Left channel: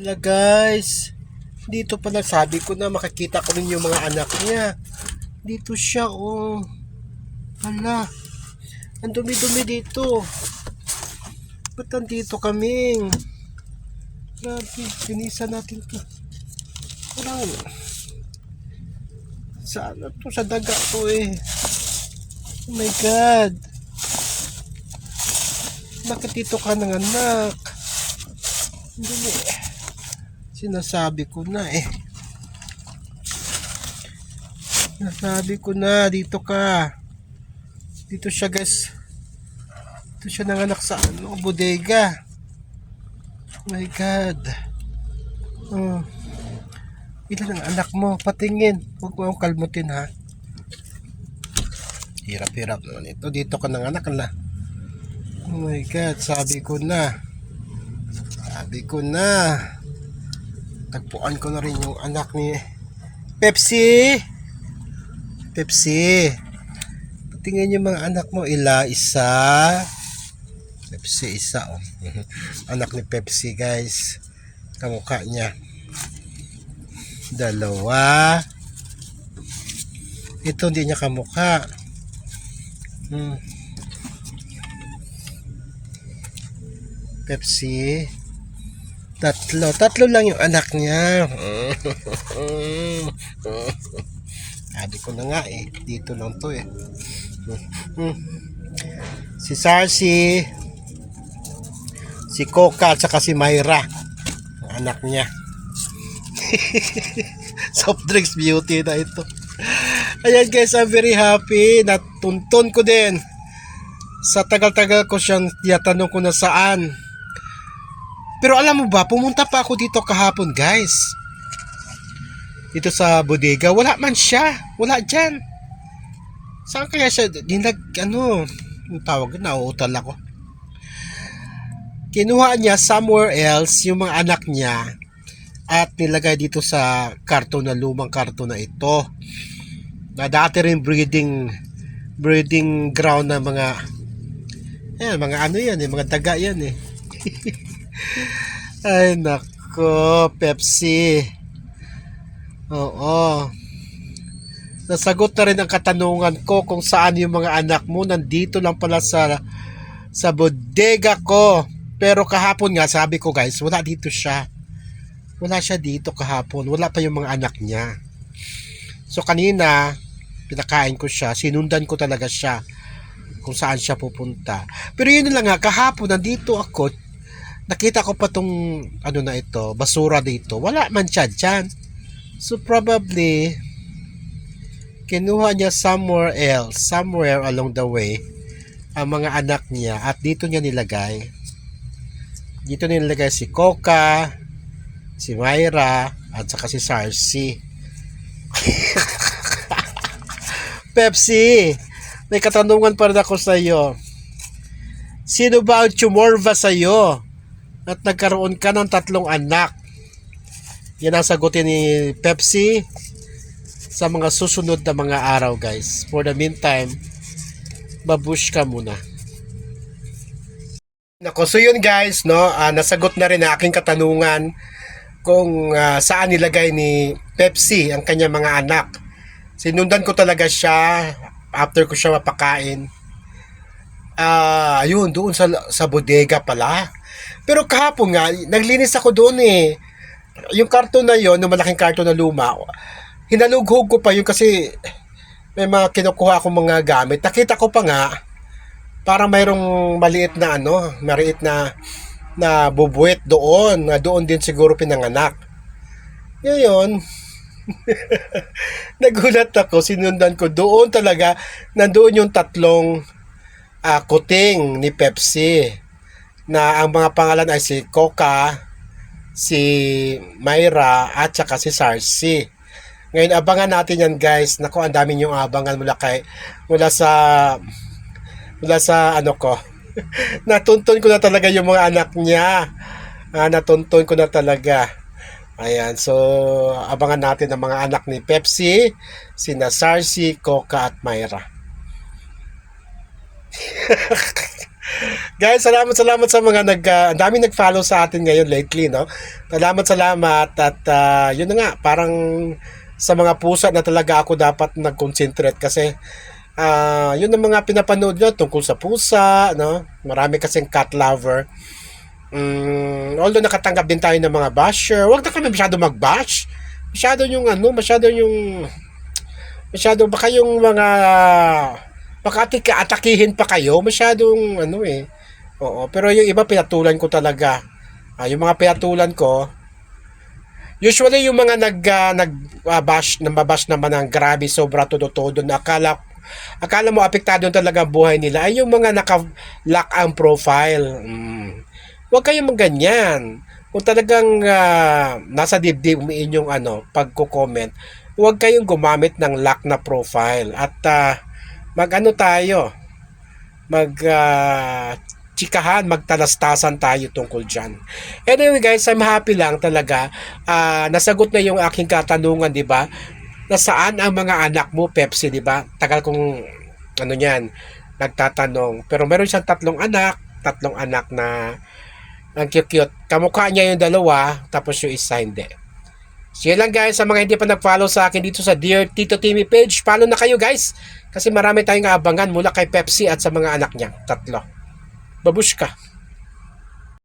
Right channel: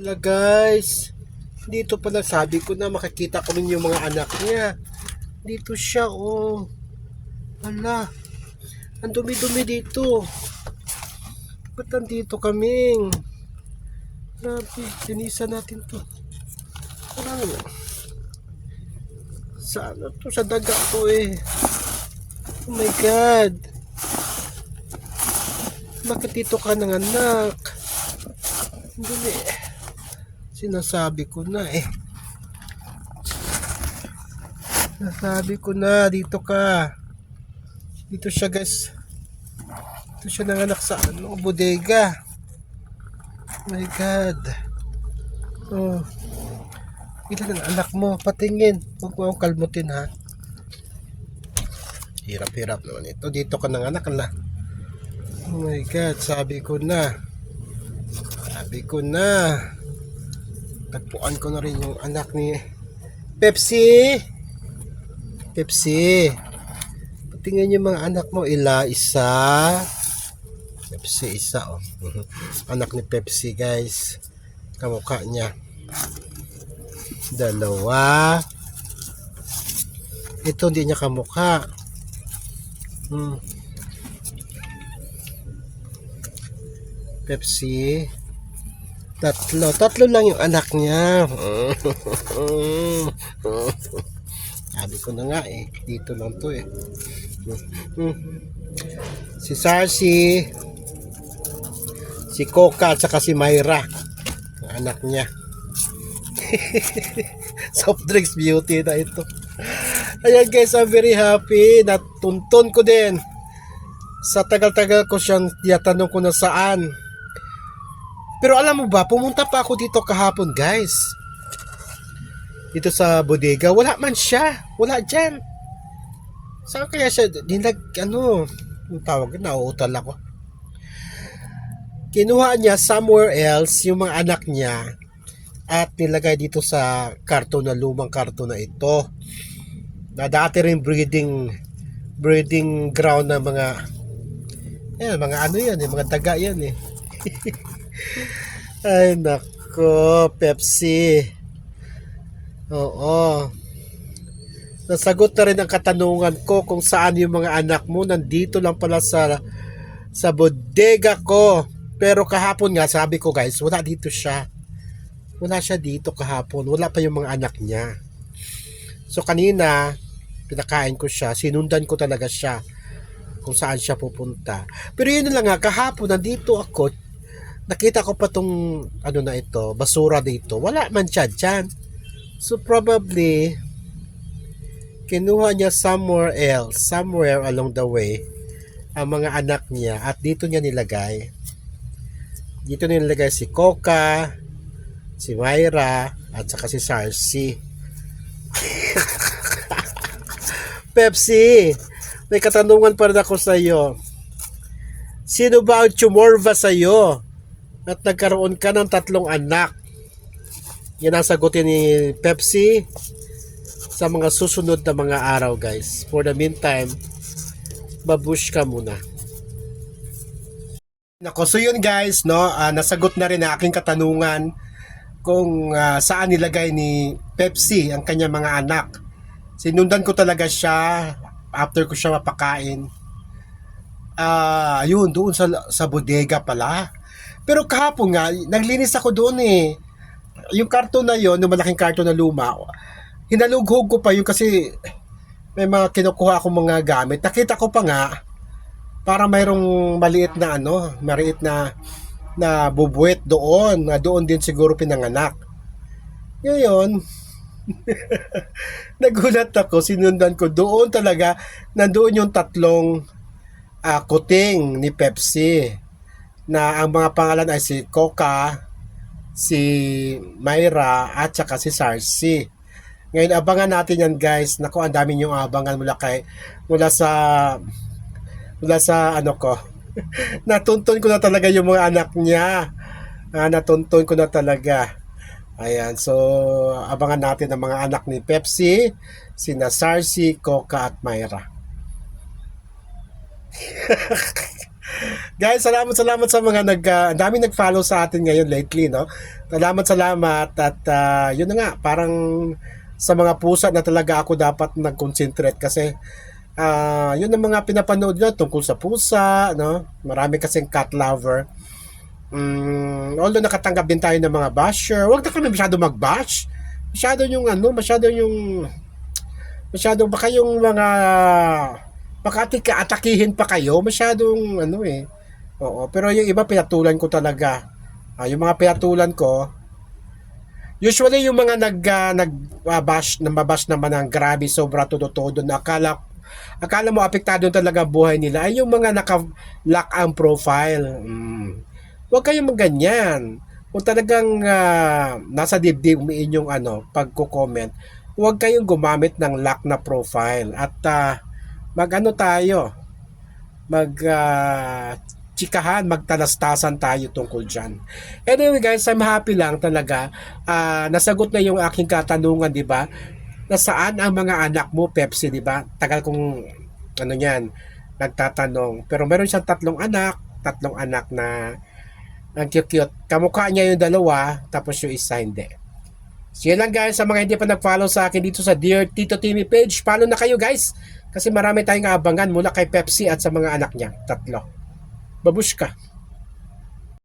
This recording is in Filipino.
Hala guys, dito pala sabi ko na makikita ko rin yung mga anak niya. Dito siya oh. Hala, ang dumi-dumi dito. Ba't nandito kaming? Grabe, sinisa natin to. Parang, sa ano to, sa daga to eh. Oh my God. Bakit dito ka nanganak? Ang dumi. Sinasabi ko na eh. Nasabi ko na, dito ka. Dito siya guys. Dito siya nanganak sa bodega. Oh my God. Oh. Ilan ang anak mo? Patingin. Huwag mo yung kalmutin ha. Hirap-hirap naman ito. Dito ka nanganak la. Oh my God. Sabi ko na. Tagpuan ko na rin yung anak ni Pepsi. Tingnan yung mga anak mo. Isa. Pepsi, isa oh. Anak ni Pepsi guys. Kamukha niya. Dalawa. Ito hindi niya kamukha. Pepsi. Tatlo lang yung anak niya. Sabi ko na nga eh, dito lang to eh. Si Sarsi, si Coca at saka si Myra, anak niya. Soft drinks beauty na ito. Ayan guys, I'm very happy. Natuntun ko din. Sa tagal-tagal ko siyang tinatanong ko na saan. Pero alam mo ba, pumunta pa ako dito kahapon guys. Dito sa bodega, wala man siya. Wala dyan. Saan kaya siya? Ang tawag, nauutal ako. Kinuha niya somewhere else yung mga anak niya at nilagay dito sa karton na lumang karton na ito. Na dati rin breeding ground na mga mga daga yan eh. Ay nako, Pepsi. Oo. Nasagot na rin ang katanungan ko kung saan yung mga anak mo. Nandito lang pala sa bodega ko. Pero kahapon nga, sabi ko guys, wala dito siya. Wala siya dito kahapon. Wala pa yung mga anak niya. So kanina, pinakain ko siya. Sinundan ko talaga siya kung saan siya pupunta. Pero yun lang nga, kahapon nandito ako. Nakita ko pa tong basura dito. Wala man siya dyan. So probably kinuha niya somewhere else, somewhere along the way, ang mga anak niya at dito niya nilagay. Dito niya nilagay si Coca, si Myra, at saka si Sarsi. Pepsi, may katanungan pa rin ako sa iyo. Sino ba ang tumorva sa iyo at nagkaroon ka ng 3 anak? Yan ang sagutin ni Pepsi sa mga susunod na mga araw guys. For the meantime, babush ka muna. Nako, so yun guys, no, nasagot na rin ang aking katanungan kung saan nilagay ni Pepsi ang kanyang mga anak. Sinundan ko talaga siya after ko siya mapakain. Ayun, doon sa bodega pala. Pero kahapon nga, naglinis ako doon eh. Yung karton na yon, yung malaking karton na luma, hinalughog ko pa yun kasi may mga kinukuha akong mga gamit. Nakita ko pa nga, para mayroong maliit na bubuwit doon, na doon din siguro pinanganak. Ngayon, nagulat ako, sinundan ko, doon talaga, nandoon yung 3 kuting ni Pepsi, na ang mga pangalan ay si Coca, si Myra, at saka si Sarsi. Ngayon, abangan natin yan guys. Naku, ang dami niyong abangan mula sa ano ko. Natuntun ko na talaga yung mga anak niya. Natuntun ko na talaga. Ayan, so abangan natin ang mga anak ni Pepsi, sina Sarsi, Coca at Myra. Guys, salamat sa mga ang dami nag-follow sa atin ngayon lately, no? Salamat at yun na nga, parang sa mga pusa na talaga ako dapat nag-concentrate kasi yun ang mga pinapanood nyo tungkol sa pusa, no? Marami kasing cat lover. Although nakatanggap din tayo ng mga basher, huwag na kami masyado mag-bash. Masyado baka yung mga baka atakihin pa kayo, masyadong ano eh. Oo, pero yung iba pinatulan ko talaga. Yung mga pinatulan ko, usually yung mga nag bash naman ng grabe sobra todo na akala mo apektado talaga ang buhay nila ay yung mga naka-lock ang profile. Huwag kayong ganyan. Kung talagang nasa dibdib mo inyong pagko-comment, huwag kayong gumamit ng lock na profile at mag-ano tayo, mag chikahan, magtalastasan tayo tungkol dyan. Anyway guys, I'm happy lang talaga. Nasagot na yung aking katanungan, di ba? Nasaan ang mga anak mo, Pepsi, di ba? Tagal kong nagtatanong. Pero meron siyang tatlong anak na ang cute-cute. Kamukha niya yung dalawa, tapos yung isa hindi. So yun lang guys, sa mga hindi pa nag-follow sa akin dito sa Dear Tito Timmy page, follow na kayo guys. Kasi marami tayong aabangan mula kay Pepsi at sa mga anak niya, 3. Babushka.